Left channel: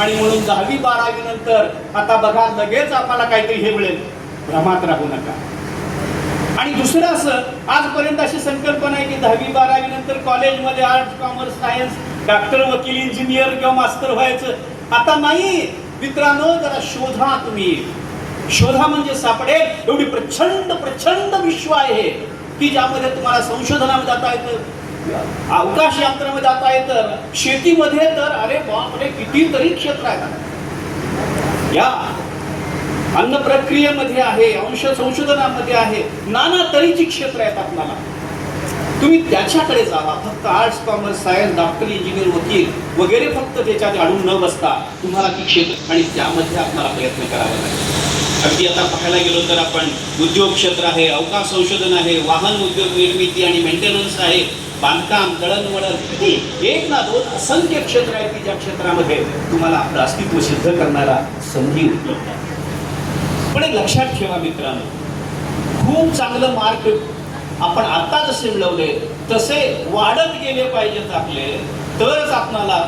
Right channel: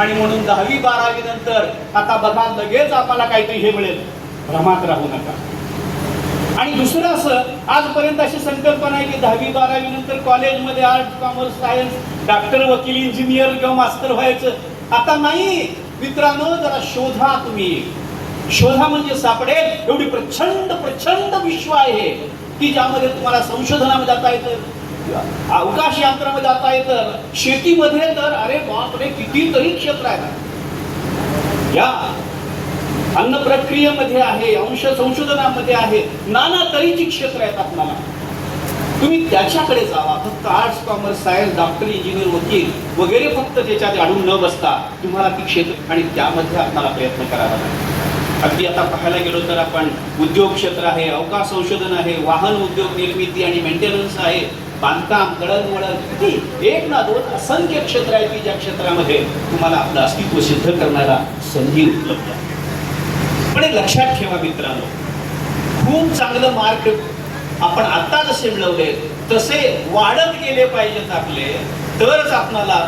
आणि म्हणून 10वी 12वी नंतर आता बघा लगेच आम्हाला काहीतरी हे मिळेल, भ्रमात राहू नका. आणि दुसरं असं, आजपर्यंत अशी संकल्पना आहे की 10वी 12वी नंतर कॉलेजमध्ये आर्ट्स कॉमर्स सायन्स डॉक्टर वकील इंजिनियर किंवा मास्टर व्हायचं. आता नाही मित्रांनो, जरा शोधा तुम्ही, शोधा म्हणजे सापडेल. एवढी प्रचंड प्रचंड विश्व आहे की ज्यामध्ये तुम्हाला संशोधनामध्ये जाता येतं, अवकाश यंत्रामध्ये जाता येतं, शेतीमध्ये तर अरे बापरे कितीतरी क्षेत्र आहेत. या अन्न प्रक्रियेमध्ये आहे, अंश संशोधनामध्ये आहे, नाना तऱ्हेची क्षेत्र आहेत आपल्याला. तुम्ही त्याच्याकडे जावा. फक्त arts commerce science doctor engineer वकील वगैरे फक्त त्याच्यात अडून न बसता तुम्हाला ती क्षेत्र आणि त्यामध्ये आपल्याला प्रयत्न करावा लागेल. अगदी आता पाहायला गेलो तर आपण उद्योग क्षेत्र आहे, अवकाश संशोधन आहे, वाहन उद्योग निर्मिती आणि मेंटेनन्स आहे, बांधकाम दळणवळण, एक ना दोन असंख्य क्षेत्र आहेत की ज्या क्षेत्रामध्ये तुम्हाला आपलं अस्तित्व सिद्ध करणारा संधी उपलब्ध आहे. पण लक्षात ठेवा मित्रांनो, खूप चांगलं मार्क आपण आता जसे मिळवले तसे वाढत गेले पाहिजेत आपले, तरच आपल्याला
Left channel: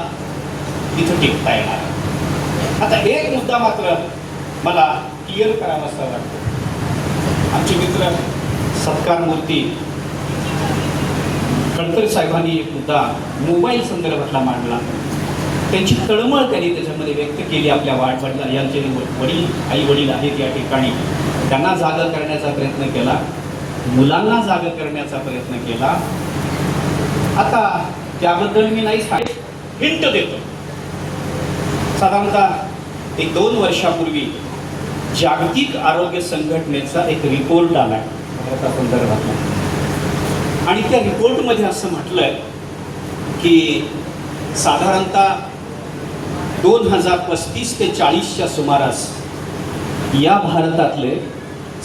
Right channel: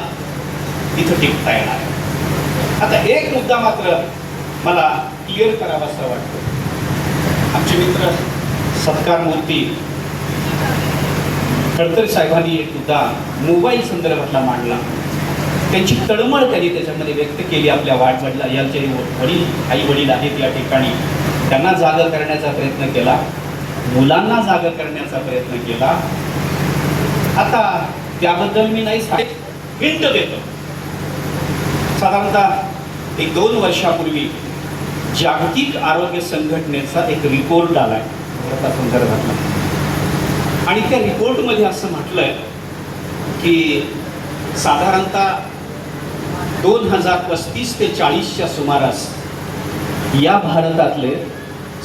इथं टिकता येणार. आता एक मुद्दा मात्र मला क्लिअर करावासा वाटतो. आमचे मित्र सत्कार मूर्ती खडतर साहेबांनी एक मुद्दा मोबाईल संदर्भातला मांडला. त्यांची तळमळ त्यांनी त्याच्यामध्ये व्यक्त केली. आपल्या वाढवडिला यांचे वडील आई वडील आहेत या ठिकाणी, त्यांना जागा करण्याचा प्रयत्न केला, मुलांना जागा करण्याचा प्रयत्न केला. आता त्याबद्दल मी नाही हिंट देतो. साधारणतः 1-2 वर्षापूर्वी जागतिक आरोग्य संघटनेचा एक रिपोर्ट आलाय भारता संदर्भात, आणि त्या रिपोर्टमध्ये असं म्हटलंय की साधारणतः 2035 ते 40च्या सुमारास या भारतातले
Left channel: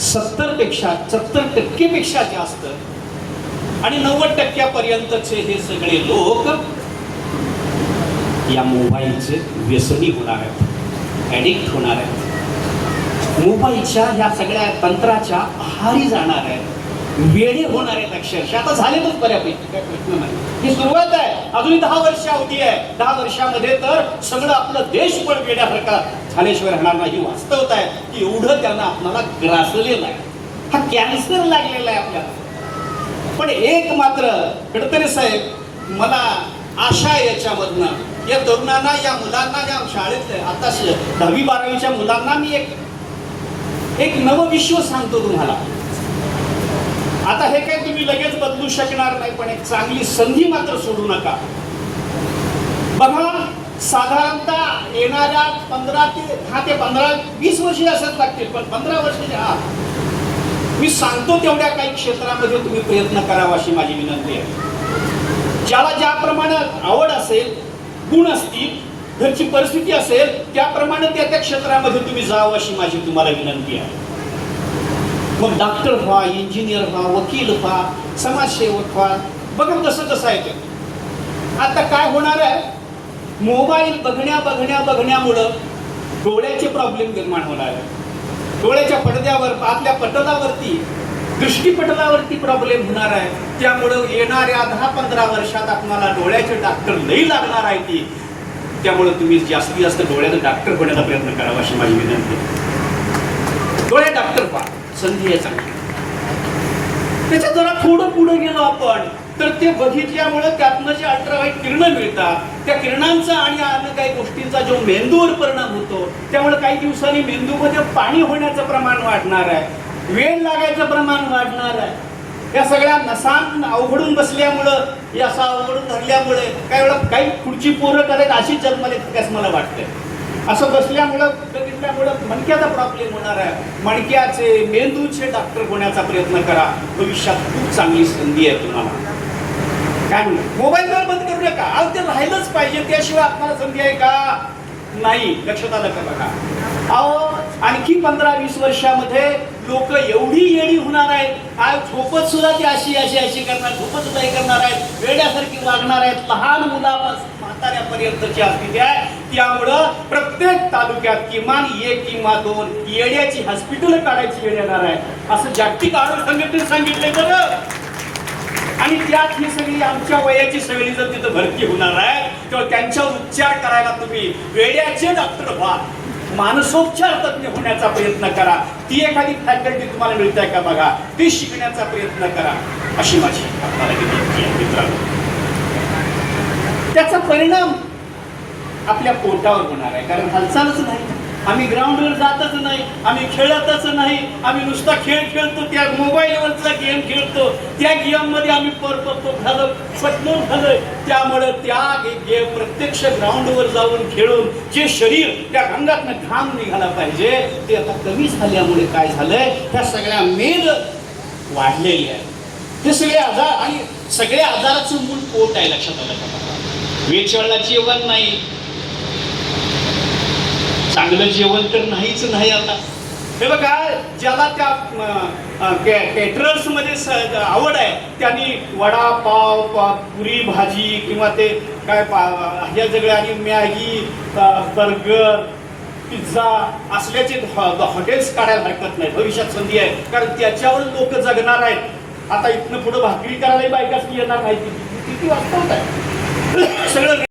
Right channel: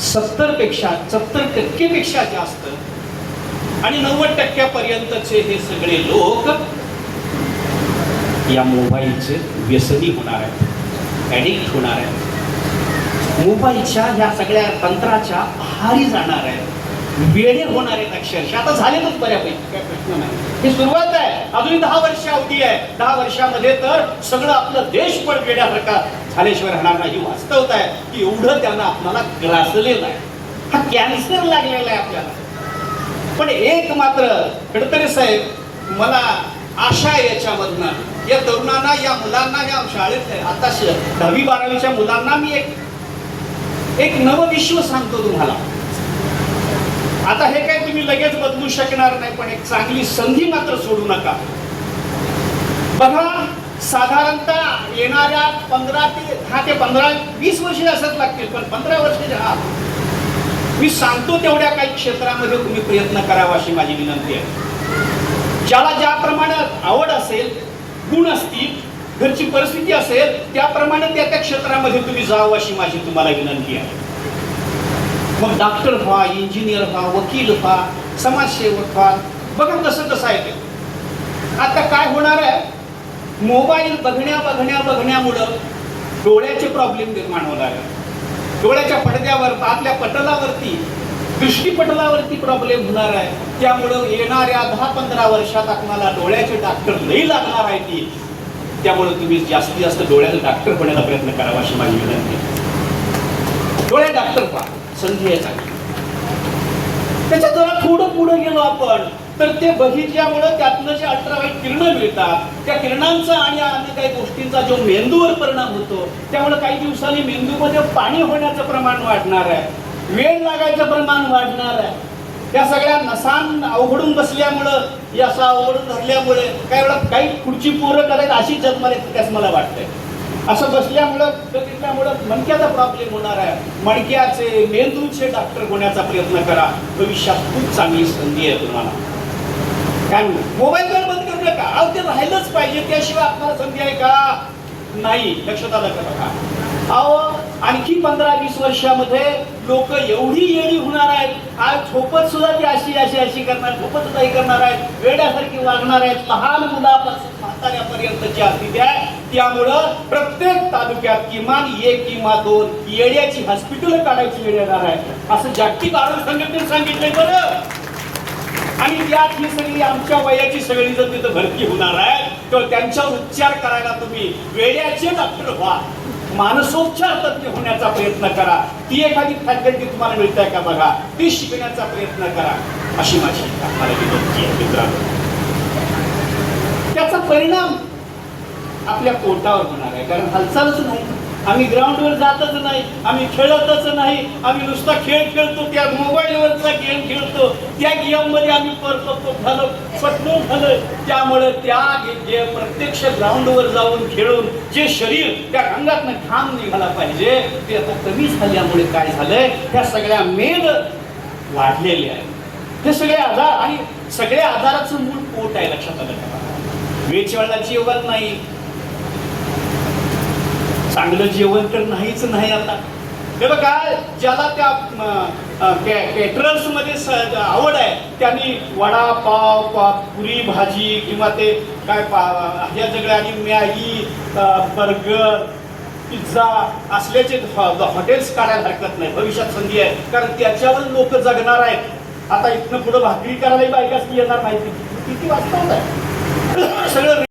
70% पेक्षा जास्त आणि 90% पर्यंतचे हे सगळे लोक या मोबाईलचे व्यसनी होणार आहेत, ऍडिक्ट होणार आहेत, मोबाईलच्या ह्या सगळ्या तंत्राच्या आहारी जाणार आहेत, वेडे होणार आहेत. अक्षरशः आता झालेच बऱ्यापैकी, काय प्रश्न नाही. ही सुरुवात आहे, अजून 10 वर्ष अवधी आहे. 10 वर्षामध्ये तर सगळं आपलं देश पण वेड्यासारखा झाल्याशिवाय राहणार नाही. वास्तवता आहे की एवढं त्यांना आपल्याला ग्रासलेलं आहे, हा कॅन्सर लागलेला आहे आपल्याला. पण एक मात्र गडकरी साहेब, मला आशा आहे याच्यामधनं, या तरुणांना, या मुलांना, या शाळेत आता 10वी 12वीच्या मुलांना मी एक नवं विश्व सांगतो तुम्हाला. आता हे काय तुम्ही लगेच बदलू शकणार नाही, पण एक चांगली संधी मात्र सोडू नका. बघा, साधारणतः येणाऱ्या 10 ते 20 वर्ष असंच लागतील, पण 15 वर्षाच्या आत मी सांगतो तेवढ्या काही क्षेत्रामध्ये तुम्ही प्रयत्न करावा अशी माझी विनंती आहे. ज्याला ज्याप्रमाणे आवड असेल, गुण असतील, घरची परिस्थिती असेल, त्याप्रमाणे त्या त्या क्षेत्रामध्ये तुम्ही जावं अशी माझी तुम्हाला विनंती आहे. मग डॉक्टर व्हा, इंजिनियर व्हा, वकील व्हा, समाजसेवक व्हा. बघा कसं कसं आहे ते. आता काय होणार आहे, मोबाईल बघण्यामुळं डोळ्याचे प्रॉब्लेम निर्माण होणार आहे. डोळ्याच्या पडद्यावर, आपल्या पटलावरती, दृष्टीपटलावरती प्रॉब्लेम होणार आहे. त्यामुळं येणाऱ्या 10-15 वर्षात आपल्याला डोळ्याचे डॉक्टर नाही लागणार आहे ती. त्यामुळे तुम्ही जास्तीत जास्त डोळ्याला डॉक्टर होण्याचा प्रयत्न करावा अशी माझी विनंती आहे. डोळ्या डॉक्टर व्हा, संधी आहे चांगली. त्याच्यात जरा थोडं पुढे गेलो आपण तर ते बघितल्यामुळे त्यातनं जे अल्ट्राव्हाईट किरणं मिळतात, त्या किरणांचा आणि अन्य काही गोष्टींचा जो मेंदूवर परिणाम होतो, त्यामुळे काही दिवसांनी मेंदूमध्ये पाणी होण्याचं प्रमाण वाढणार आहे, वेळ लागायचं प्रमाण वाढणार आहे. त्या सगळ्या नसां अवघडून बसल्यामुळं, या असा अवघडून धरल्यामुळे काही वेळा काही खुर्ची पोरं करत अशीच जन्माला त्यास मला वाटतंय. असं बसल्यामुळं मणक्याचा प्रॉब्लेम होणार आहे. मणक्याचे, मेंदूचे डॉक्टर होण्याचा प्रयत्न करा. भविष्यात खूप चांगली संधी आहे तुम्हाला. काय मोबाईल तर बंद करू नका, अहो ते राहिलंच पाहिजे, त्याशिवाय आपल्याला संधी आहे का? नाही. लक्षात आलं का? बघा, अहो आणखी 15-20 वर्षामध्ये लोक एवढी येडी होणार आहेत. आज झोपत सुद्धा ती अशी करणार, झोपत सुद्धा हे करणार आहेत, वेड्यासारखी वागणार आहेत, लहान मुलापासून म्हाताऱ्यापर्यंतची स्थिती आहे. त्यामुळं प्रत्येक तालुक्यात किमान 1 किंवा 2 येड्याची हॉस्पिटल काढायची वेळ येणार आहे, असं जागतिक आरोग्य संघटनेने सांगितलंय बरं. आणि त्यात ही सगळी आमच्या वयाची सगळी जर तिथं भरती होणार आहे किंवा त्यांच्यावर उपचार करायला तुम्ही वेड्याचे डॉक्टर व्हा, मानसोपचार तज्ञ होण्याचा प्रयत्न करा. ती एखादी फॅकल्टी तुम्हाला मिळते का बघा, ती शिकण्याचा प्रयत्न करा, अशी माझी आपल्याला विनंती आहे मित्रांनो. त्याचा परिणाम आपल्या पोटावर होणार आहे, कारण हालचालच नाही, आम्ही ग्राउंडवर जातच नाही, आम्ही खेळतच नाही, आम्ही नुसता खेळ खेळतो, त्या मोबाईलवरचा गेम खेळतो, त्या गेम मध्ये आम्ही परतो झालं पटलं झालं. त्यामुळे त्या प्रत्यक्ष ग्राउंडवर जाऊन खेळून जे शरीर त्या अंगातनं घाम निघाला पाहिजे ते आता कमी झाल्यामुळे काय झालंय, त्या सगळ्या मेद वाढलेली आहे. हे सगळे आजार आणि सगळे आजाराचं मूळ पोट आहे, लक्षात आलं का? वेळच्या जेवण नाही, चांगलं जेवण तर नाहीच नाही. आता हे बघा, ज्याला त्या केटरर्स मध्ये आवड आहे त्यांनी वडापाव, पुरी भाजी किंवा ते काय ह्या सगळ्या आणि मॅगी, बर्गर, पिझ्झा असल्याचे हॉटेल्स काढायला हरकत नाही. भविष्यात संधी आहे, कारण त्याच्यावर लोक जगणार आहेत. आता इथनं पुढे भाकरी करायला बायकाच येणार नाही, किती वाजता आहे सगळं